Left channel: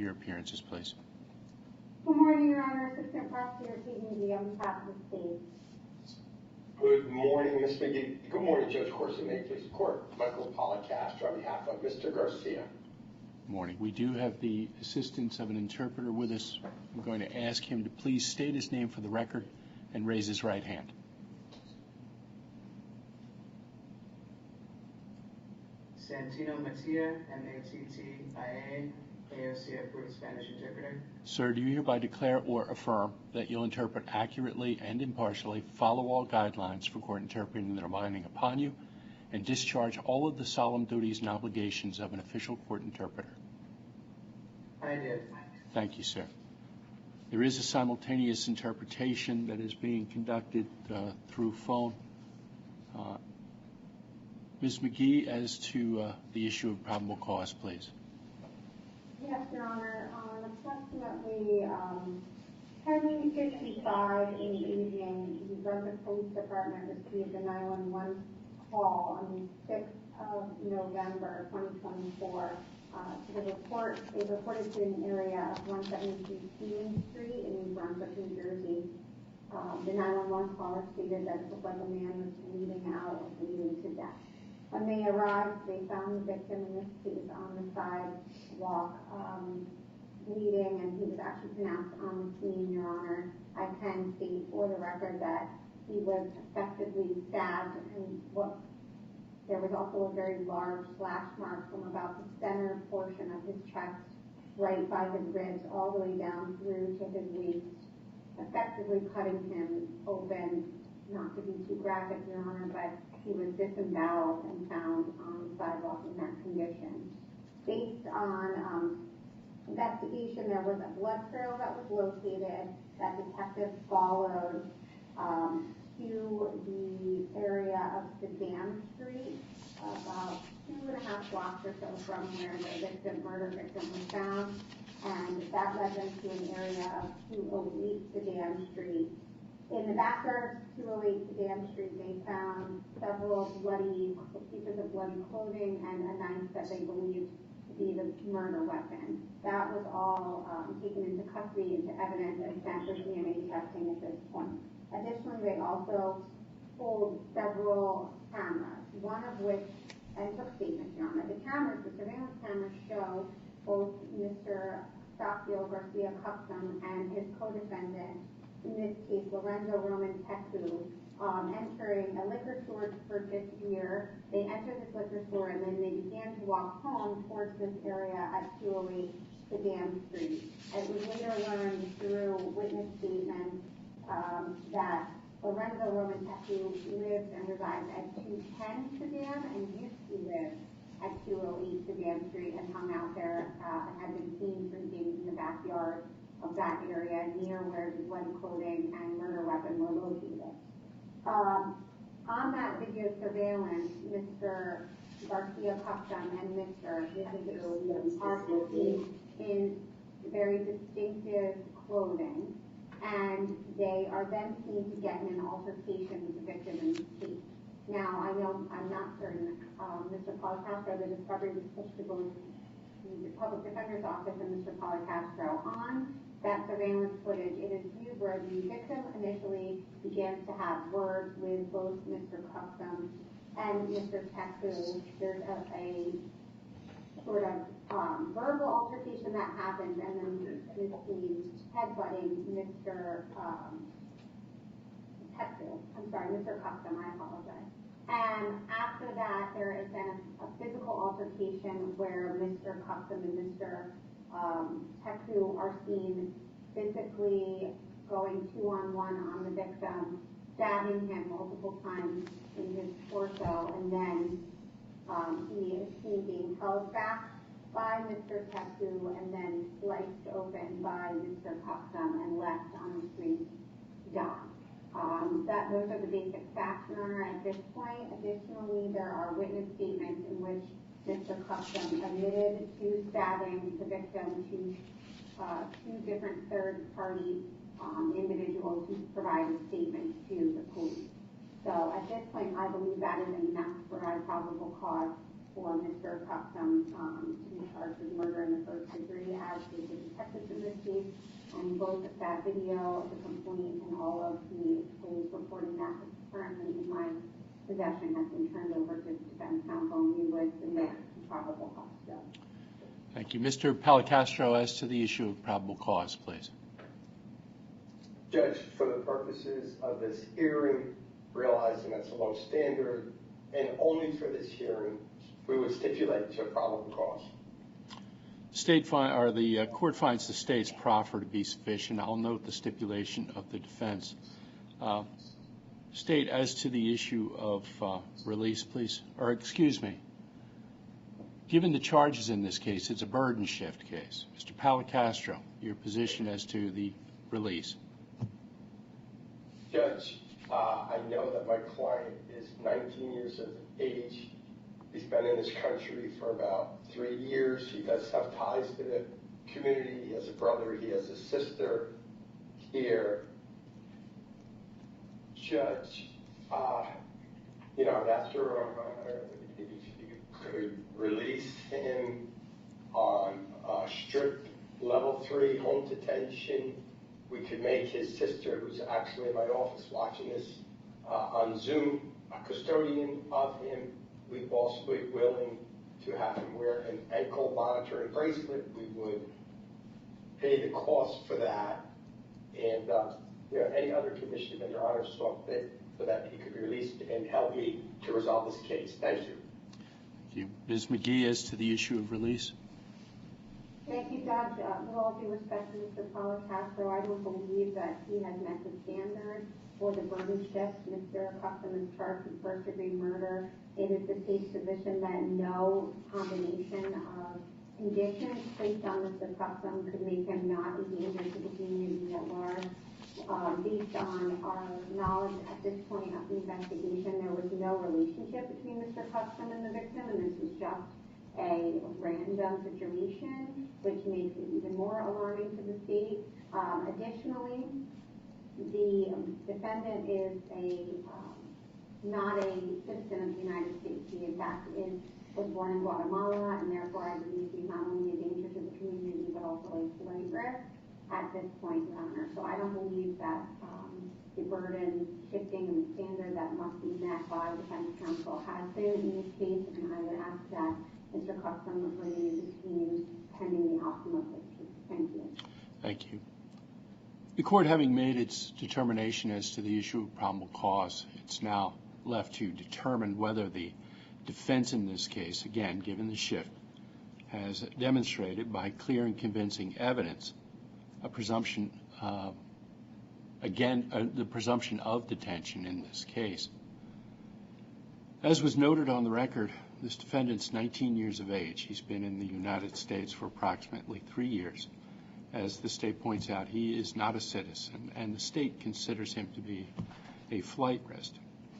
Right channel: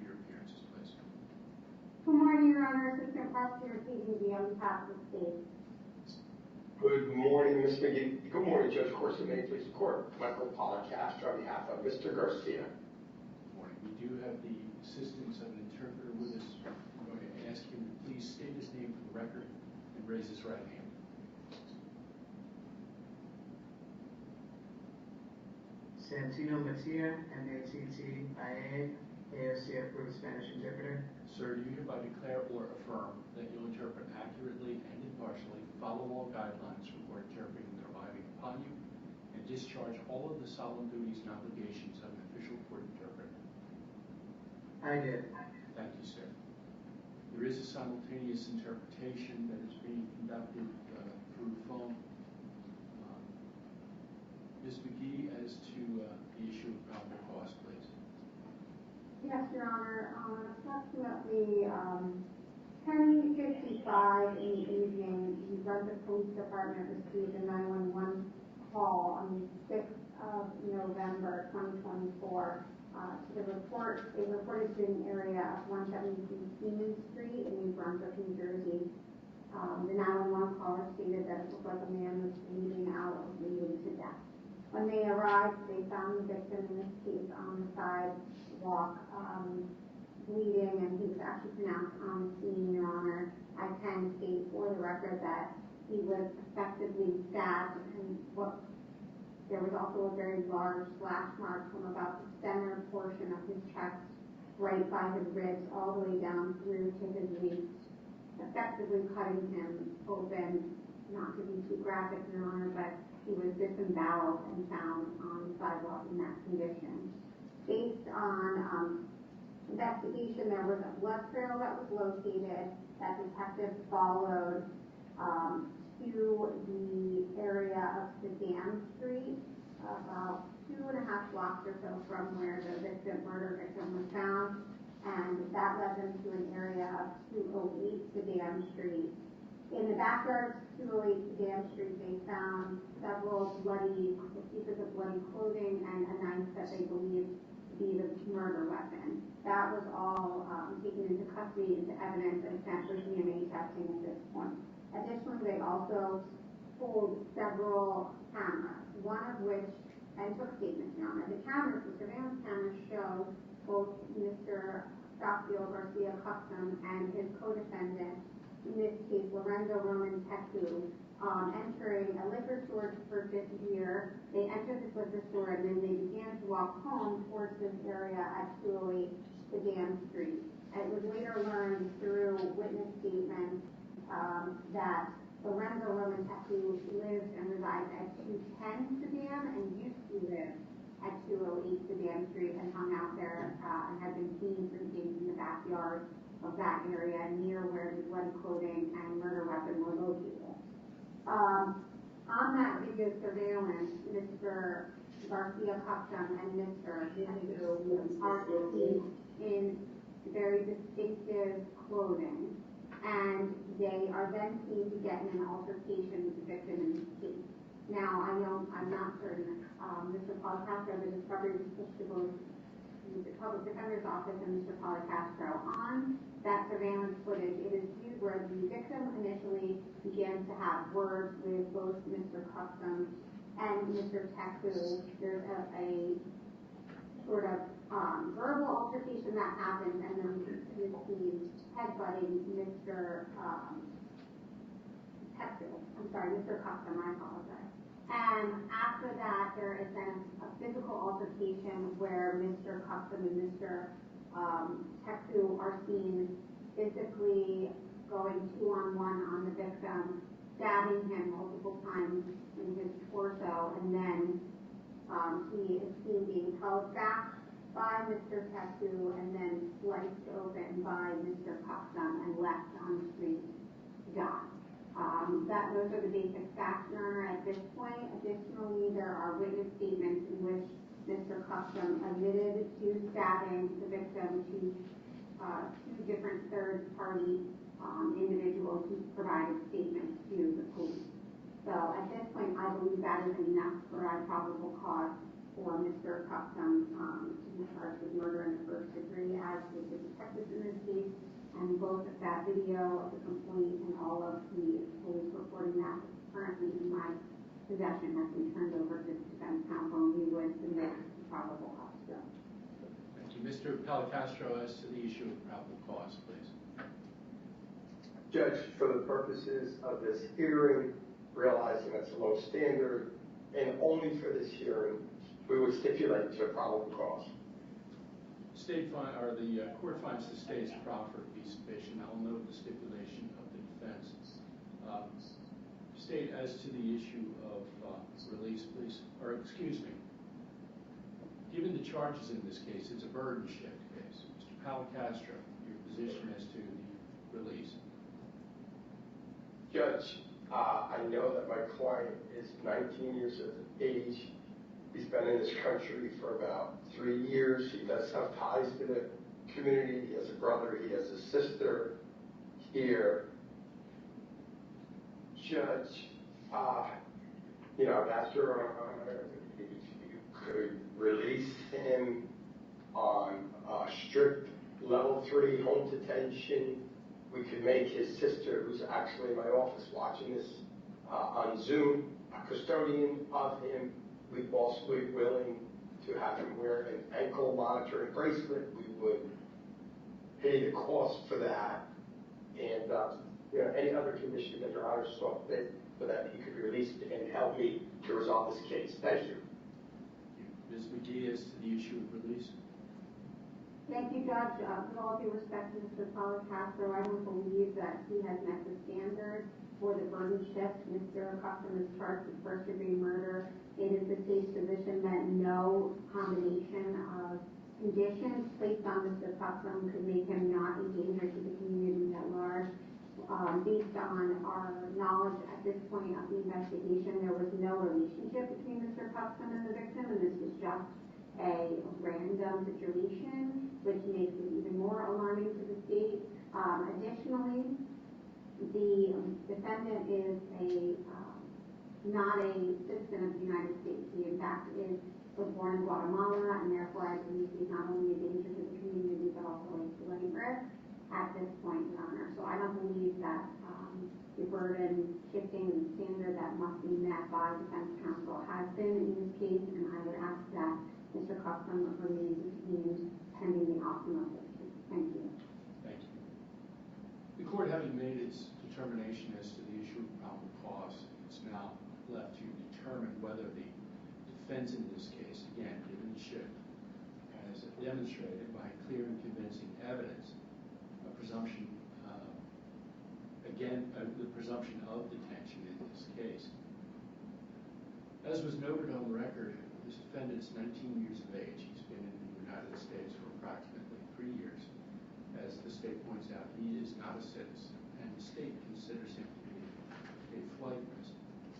have your appearances, please. Good morning, Your Honor. Assistant Prosecutor CDB on behalf of the state. Good morning, Ms. McGee. Good morning, Judge Corsi. May it please the court. Michael Policastro on behalf of Mr. Garcia. Good morning. We do have the assistance of an interpreter with us. We're going to ask him to please state his name for the record and raise his right hand. Santino Mattia, M-A-T-T-I-A, AOC approved Spanish interpreter. Sir, do you hereby declare or affirm that you'll interpret accurately and impartially, follow all guidelines for court interpreting that are binding upon you, and discharge all of the solemn duties and obligations of an official court interpreter? I did. Thank you, sir. There is a simultaneous interpretation that is being conducted through phone. Ms. McGee, as to the issue of probable cause, please. Yes, Your Honor. Approximately 10:55 in the evening, the Brunswick Police Department received a 911 call on the 6th of November 2024. They reported to an area of 173 Queen Street in New Brunswick, New Jersey. The 911 caller stated that it looked like a man was bleeding out or bleeding to death. When they arrived, they found the victim, in this case, on the sidewalk, bleeding, and he was actually pronounced on the scene, Your Honor. I can state for the record that he was effectively stabbed, and there was also a very large slash mark from about the center portion of his chest, right by his ribs, all the way down through to his waist, effectively cutting him open. Not to be too graphic, Your Honor, but he was disemboweled and found on the sidewalk in that condition. Based on investigation, there was a blood trail that was located that detectives followed to the area of Sedan Street, about 2.5 blocks or so from where the murder victim was found, and that led them to an area of 208 Sedan Street. In the backyard of 208 Sedan Street, they found several pieces of bloody clothing and a knife that they believed to be the murder weapon. That was all taken into custody, into evidence, and sent for DNA testing at this point. Additionally, they also pulled several cameras, one of which, and took statements, Your Honor. The surveillance cameras show both Mr. Eustaquio Garcia Cuxum and his co-defendant, in this case, Lorenzo Roman Tecu, entering a liquor store to purchase beer. They entered this liquor store and then they began to walk home towards this area at 208 Sedan Street. It was later learned through witness statements that Lorenzo Roman Tecu lives and resides at 210 Sedan and used to live at 208 Sedan Street and hung out there and had been seen drinking in the backyard of that area near where the bloody clothing and murder weapon were located. On that video surveillance, Mr. Garcia Cuxum and Mr. Tecu are seen in very distinctive clothing, and they are then seen to get in an altercation with the victim in this case. Now, I'm not certain, Mr. Policastro, the discovery was pushed to both the Public Defender's Office and Mr. Policastro. On that surveillance footage, it is viewed where the victim initially began to have words with both Mr. Cuxum and Mr. Tecu. There's a sort of verbal altercation that happens, and then he's seen headbutting Mr. Cuxum, I apologize. And after that, there is then a physical altercation where Mr. Cuxum and Mr. Tecu are seen physically going 2-on-1 on the victim, stabbing him multiple times in his torso, and then he is seen being held back by Mr. Tecu and then sliced open by Mr. Cuxum and left on the street to die. Those are the basic facts, Your Honor, at this point. Additionally, there are witness statements in which Mr. Cuxum admitted to stabbing the victim to two different third-party individuals who provided statements to the police. So at this point, I believe that is enough to provide probable cause for Mr. Cuxum to be charged with murder in the first degree, as did the and both that video of the complaint and all of the police reporting that is currently in my possession has been turned over to the defense counsel, and we would submit to probable cause. Thank you. Mr. Palacastro, as to the issue of probable cause, please. Judge, for the purposes of this hearing, realizing that's a low standard, and only for this hearing, we would stipulate to a probable cause. The court finds the state's proffer to be sufficient. I'll note the stipulation of the defense. State, as to the issue of release, please, or excuse me. Given the charges in this case, it's a burden shift case. Mr. Palacastro, your position as to the release. Judge, I know that my client is 19 years of age. He's been in this country for about 3 years. He does have ties to the community. He has a brother. He has a sister here. Judge, after you could release him on strict level 3 home detention. We could make his sister, who's actually in my office watching this on Zoom, a custodian of him. We'd also be willing to have him wear an ankle monitoring bracelet. We would pay the cost for that. And any other condition that Your Honor saw fit so that he could be released and help me to resolve this case. Thank you. Thank you. Ms. McGee, as to the issue of release. Thank you, Judge. With all due respect to Mr. Palacastro, I don't believe that he has met the standard for the burden shift. Mr. Cuxum is charged with first-degree murder. It is the state's position that no combination of conditions placed on Mr. Cuxum could make him not a danger to the community at large. Based on our knowledge at this point of the investigation, there was no relationship between Mr. Cuxum and the victim, and this was just a random situation, which makes it even more alarming to the state. Additionally, the defendant is not a citizen of the United States. He, in fact, was born in Guatemala, and therefore I believe he's not only a danger to the community, but also a flight risk at this point, Your Honor. So I don't believe that the burden shifting and standard that must be met by defense counsel has been in this case, and I would ask that Mr. Cuxum remain detained pending the outcome of this case. Thank you. Thank you. The court, having made its determination as to the issue of probable cause, it's now left to determine whether the defense in this case, again, given the shift, has demonstrated by clear and convincing evidence a presumption, the presumption of detention in this case. As was noted on the record, this defendant's 19 years of age. He's been in the United States for approximately 3 years. As the state points out, he is not a citizen, and the state considers him to be a flight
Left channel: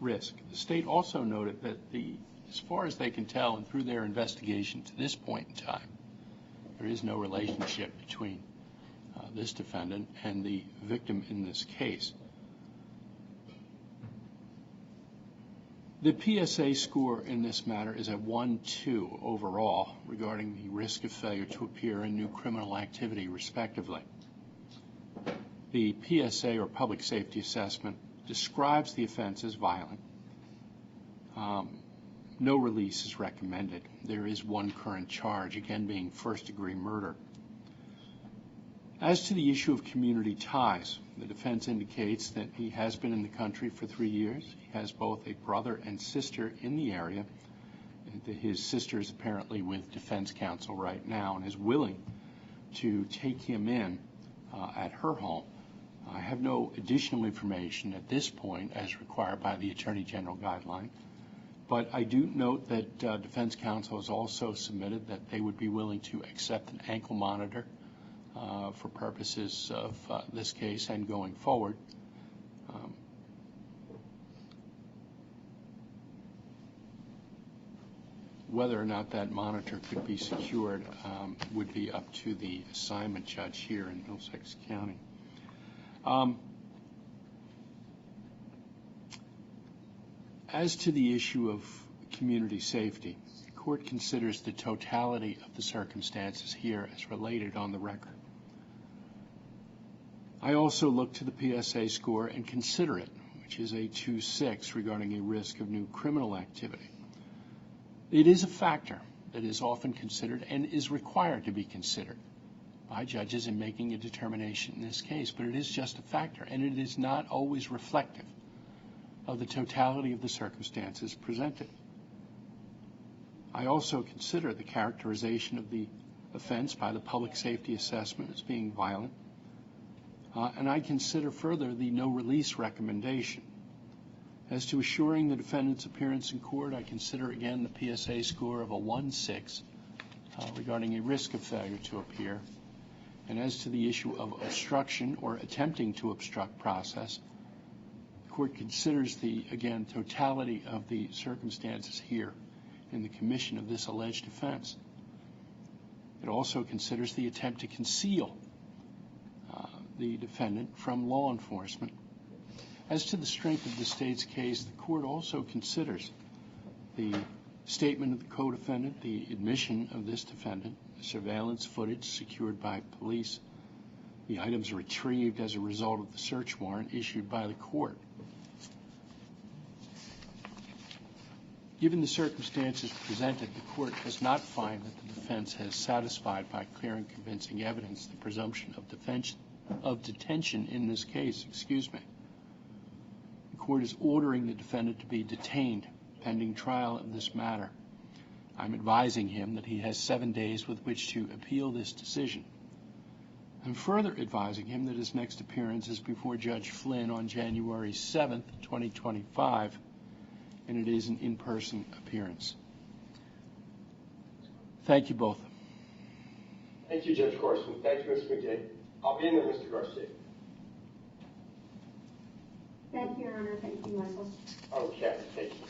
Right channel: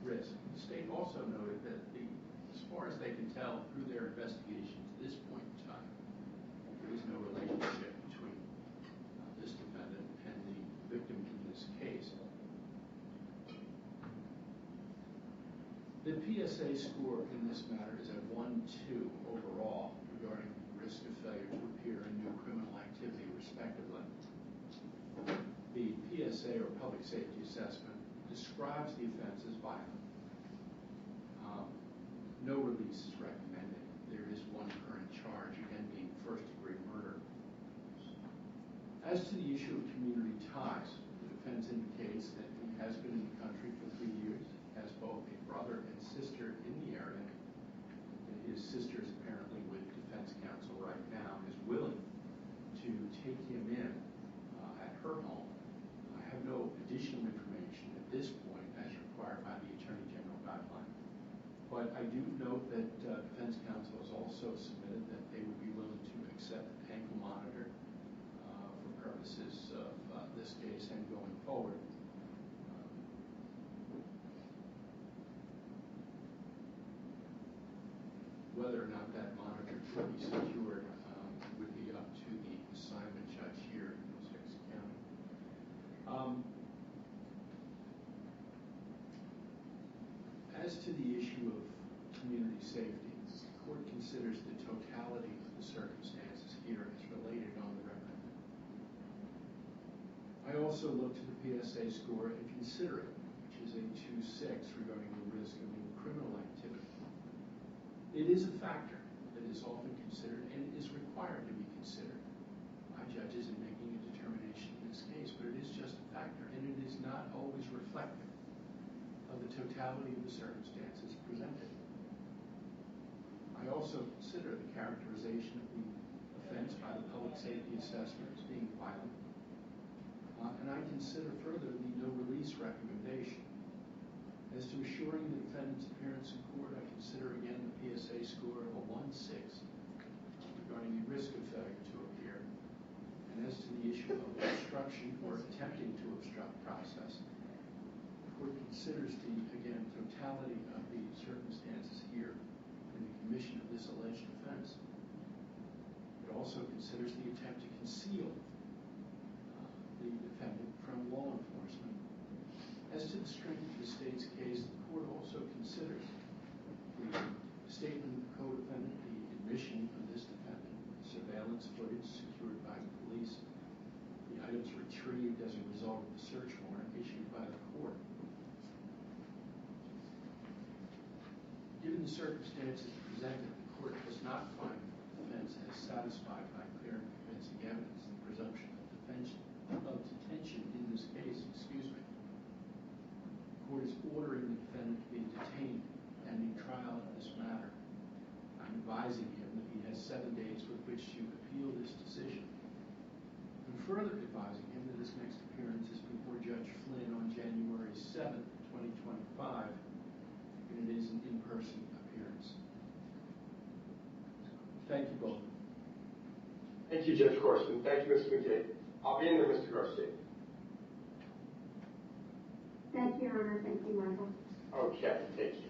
risk. The state also noted that as far as they can tell, and through their investigation to this point in time, there is no relationship between this defendant and the victim in this case. The PSA score in this matter is a 1-2 overall regarding the risk of failure to appear in new criminal activity, respectively. The PSA, or public safety assessment, describes the offense as violent. No release is recommended. There is one current charge, again being first-degree murder. As to the issue of community ties, the defense indicates that he has been in the country for 3 years. He has both a brother and sister in the area. His sister is apparently with defense counsel right now and is willing to take him in at her home. I have no additional information at this point as required by the Attorney General guideline, but I do note that defense counsel has also submitted that they would be willing to accept an ankle monitor for purposes of this case and going forward. Whether or not that monitor could be secured would be up to the assignment judge here in Middlesex County. As to the issue of community safety, the court considers the totality of the circumstances here as related on the record. I also look to the PSA score and consider it, which is a 2.6 regarding a risk of new criminal activity. It is a factor that is often considered and is required to be considered by judges in making a determination in this case, but it is just a factor, and it is not always reflective of the totality of the circumstances presented. I also consider the characterization of the offense by the public safety assessment as being violent, and I consider further the no release recommendation. As to assuring the defendant's appearance in court, I consider again the PSA score of a 1.6 regarding a risk of failure to appear. And as to the issue of obstruction or attempting to obstruct process, the court considers the, again, totality of the circumstances here in the commission of this alleged offense. It also considers the attempt to conceal the defendant from law enforcement. As to the strength of the state's case, the court also considers the statement of the co-defendant, the admission of this defendant, the surveillance footage secured by police, the items retrieved as a result of the search warrant issued by the court. Given the circumstances presented, the court does not find that the defense has satisfied by clear and convincing evidence the presumption of detention in this case. The court is ordering the defendant to be detained pending trial in this matter. I'm advising him that he has 7 days with which to appeal this decision. I'm further advising him that his next appearance is before Judge Flynn on January 7th, 2025, and it is an in-person appearance. Thank you both. Thank you, Judge Corson. Thank you, Mr. McDade. I'll be in there, Mr. Garcia. Thank you, Your Honor. Thank you, Michael. Okay, thank you.